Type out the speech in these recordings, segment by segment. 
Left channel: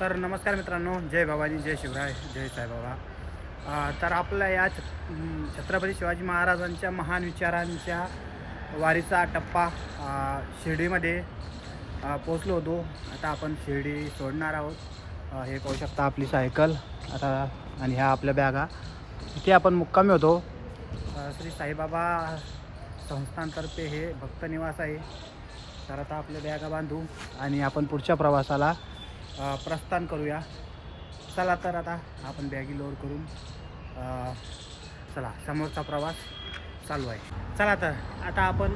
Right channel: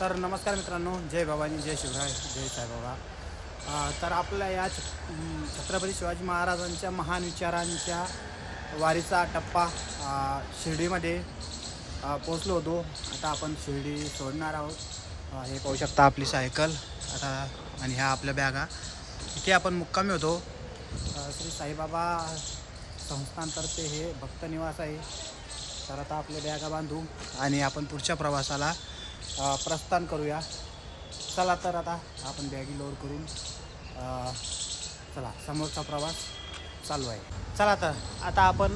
तर नमस्कार मित्रांनो, जय बाबाजी, जय शिवराय, जय साईबाबा. तर आपल्या या छत्रपती शिवाजी महाराजांच्या महान विचारांच्या वारीचा टप्पा शिर्डीमध्ये पोचलो होतो. आता आपण शिर्डी सोडणार आहोत. हे पाहू शकता आपली सायकल आता आणि ह्या आपल्या बॅगा. इथे आपण मुक्कामी होतो. श्री साईबाबा संस्थानतर्फे हे भक्त निवास आहे. तर आता आपल्या बॅगा बांधू आणि आपण पुढच्या प्रवासाला प्रस्थान करूया. चला तर आता आपण बॅगी लोड करून चला समोरचा प्रवास चालू आहे. चला तर आता आपण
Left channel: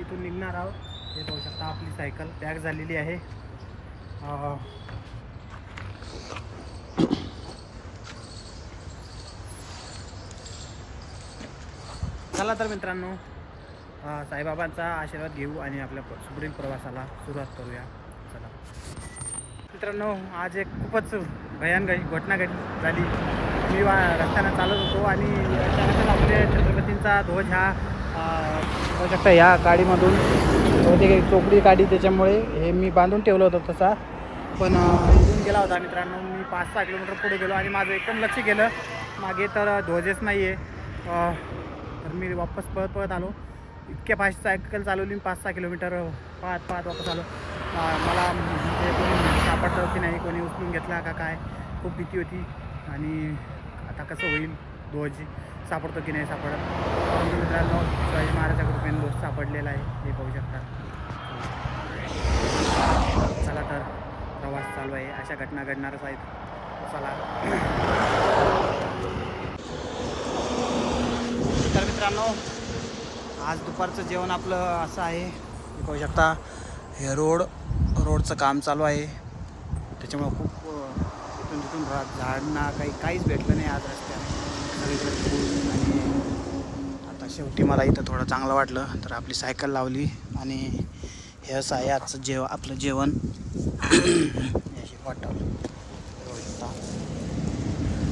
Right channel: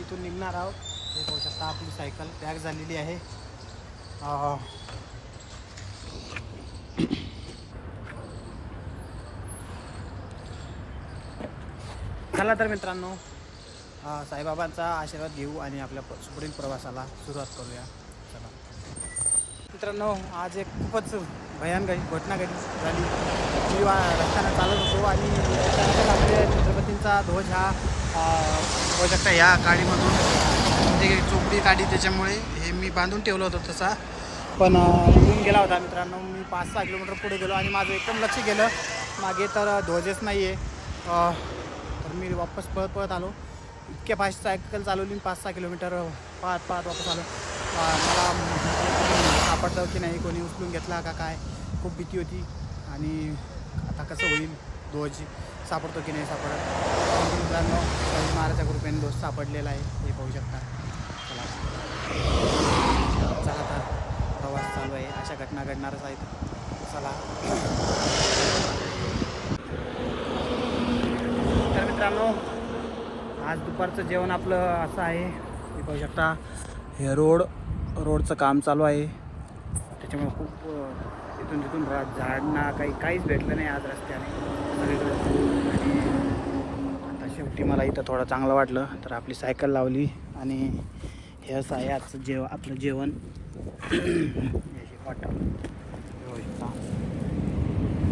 इथून निघणार आहोत. हे पाहू शकता आपली सायकल पॅक झालेली आहे. चला तर मित्रांनो, साईबाबांचा आशीर्वाद घेऊ आणि आपल्या सुपुढील प्रवासाला सुरुवात करूया. चला मित्रांनो, आज एक खूपच भयानक घटना झाली. मी रस्त्यानं चालत होतो आणि अचानकच आपल्या छत्रपतींचा ध्वज हा होऊ शकता ह्या गाडीमधून बहुतेक चोपडी काढी, त्याच्यामुळे हे मी बांधून ठेवलं होतं तसा, पण उडून गेला होता. मित्रांनो, मी 5-6 किलोमीटर पुढे गेलो आणि माझं एकदम लक्ष गेलं मागे, तर ध्वजच नाही आहे. तर मी वापस पळत आलो. इतक्या फास्ट सायकल चालवली, 5-6 किलोमीटर पाहत वापस आलो. मला म्हणजे कोणी सापडलं की नाही, कोणी उचलून घेतला का काय, खूप भीती होती. आणि आता कसं होईल, ध्वज सापडतो की नाही सापडत. परंतु मित्रांनो, शिवाजी महाराजाच्या कृपेने ध्वज सापडलेला आहे, हे पाहू शकता. चला तर प्रवास चालू आहे. अशा घटना घडणारच आहेत. चला तर मित्रांनो, आज दुपारचं जेवण आपलं असं आहे. हे पाहू शकता, हे रोडचं काम चालू आहे, त्याच्यामुळे खूप इथून तिथून झाडना काहीच भेटलं नाही आज रस्त्याने. आणि आता शेवटी मला इथं थोडं चांगलं वाटलं, तर आपली सायकल लावली आणि हे असं आहे आजचं आपलं जेवण. वाटतं हे पाहू शकता.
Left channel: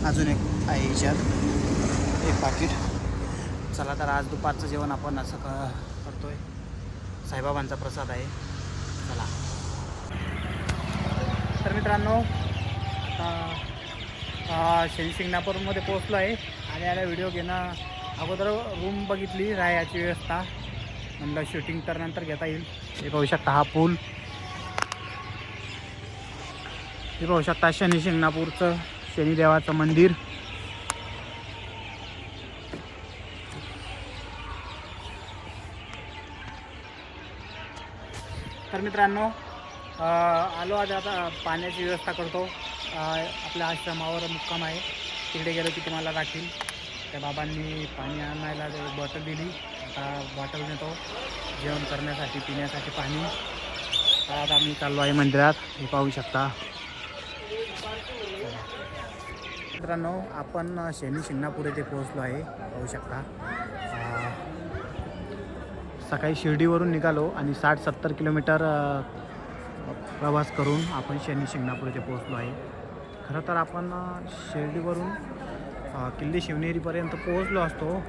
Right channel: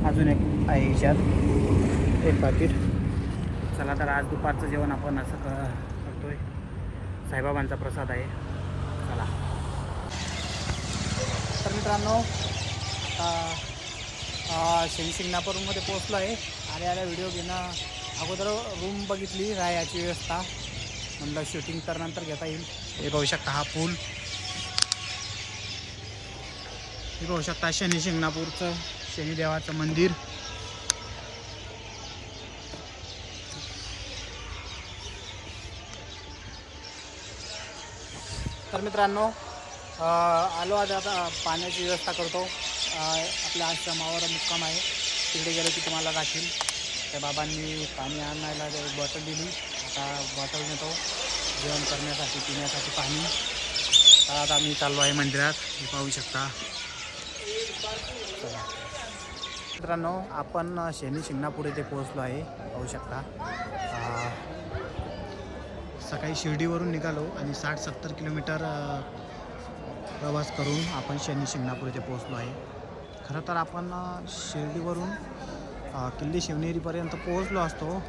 अजून एक आहे ह्याच्यात एक पाकीट. चला तर आज दुपारचं जेवण आपण असं करतोय. साईबाबांचा प्रसाद आहे. चला तर मित्रांनो, आता शिंगणापूरमध्ये पोहोचलो आहे. आल्या व्हिडिओ घेणं अगोदर रूम बघितली, राहायची व्यवस्था. म्हणलं शूटिंग तर नंतर घेता येईल. हे पाहू शकता हा पूल. हे पाहू शकता शिंगणापूरचं शनिदेवाचं मंदिर. तर मित्रांनो, आलो आज. आता पाण्याची व्यवस्था करतो. आपल्या आश्रमावर मुक्काम आहे, तिकडे गेलो की तुम्हाला दाखील. त्या बाबांनी पाणी आणायला एक बॉटल दिली. आता बॉटल नेतो जेवण करण्यासाठी, पिण्यासाठी पाणी. तर आता मी चाललो आहे मंदिरात, हे पाहू शकता. चला मित्रांनो, आपण शिंगणापूर येथे पोहोचलो आहे, पाहू शकता. सकाळी शिर्डीवरून निघालो आणि 60-70 किलोमीटर प्रवास करून आपण शिंगणापूर येथे पोहोचलो आहे. खरं तर आपण शिर्डीवरून किल्ले शिवनेरीपर्यंत पोहोचलो असतो,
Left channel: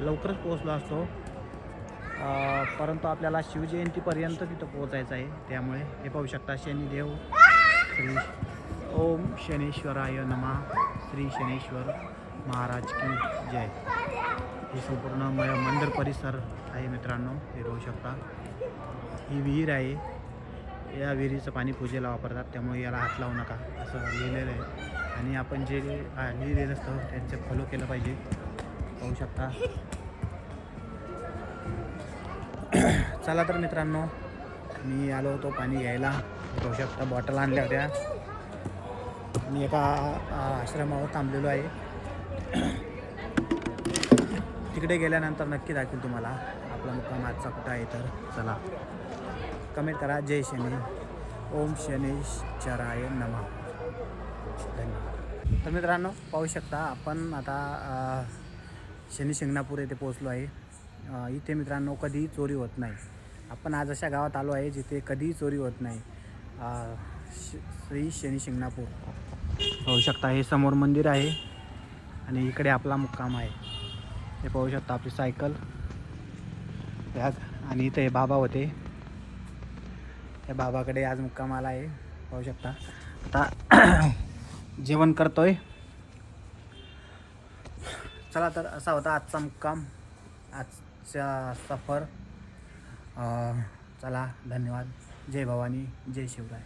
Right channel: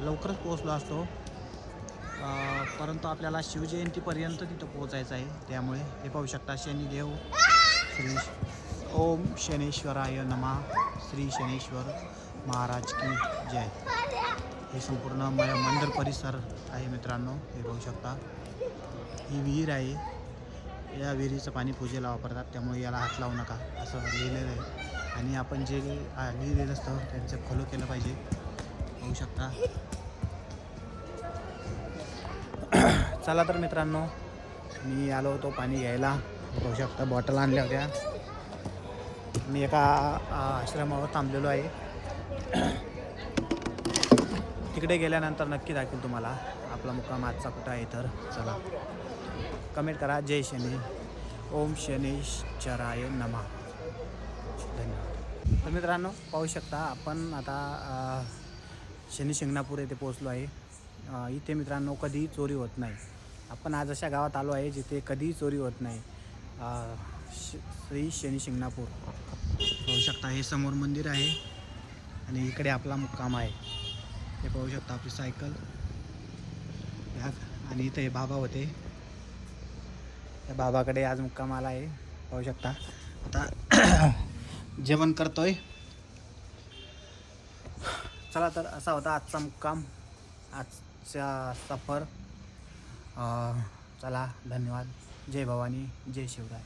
लवकरच पोहोचलो असतो, परंतु आपल्याला शिवजयंतीपर्यंत तिथं पोहोचायचं आहे. त्यामुळे हे पाहू शकता, शनिदेव श्री ओम शनेश्वराय नमः, श्री शनेश्वर महाराज की जय. हे संपूर्ण मंदिर परिसर आहे मित्रांनो, हे पाहू शकता. ही विहीर आहे. या विहिरीचं पाणी पूजेला वापरतात, त्यामुळे याला हात लावू नका असं लिहिलेलं आहे. आणि आपण जे लिहिलेलं असतं त्यांचं फॉलो केलं पाहिजे, पाहू शकता. चला तर मित्रांनो, मी आलो होतो पाणी घ्यायला. पाहू शकता बॉटल आणल्या होत्या. मी एका आश्रमावर थांबलेलो आहे. तिकडे गेल्यानंतर नक्की दाखवेल तुम्हाला आपला मुक्काम आजचा कुठं आहे. तर चला, कमेंट करा. जय शनी, ओम शनेश्वराय नमः. धन्यवाद. तर मित्रांनो, पाहू शकता आपण आता शिंगणापूर येथे पोहोचलो आहे. इथे मित्रांनो कधीही चोरी होत नाही. आपण आज अशा गावात आलो आहे जिथे कधीही चोरी होत नाही. श्री शिंगणापूर पाहू शकता. हे समोर मंदिर आहे आणि इकडे आपला मुक्काम आहे. हे पाहू शकता आपली सायकल, बॅग. आणि इथे हे बाबा होते, त्या बाबाकडे आज मुक्काम आला आहे, पाहू शकता. आता जेवण करतोय. चला तर असा होता आजचा मुक्काम, आजचा सफर. चला धन्यवाद. जय भवानी, जय शिवराय.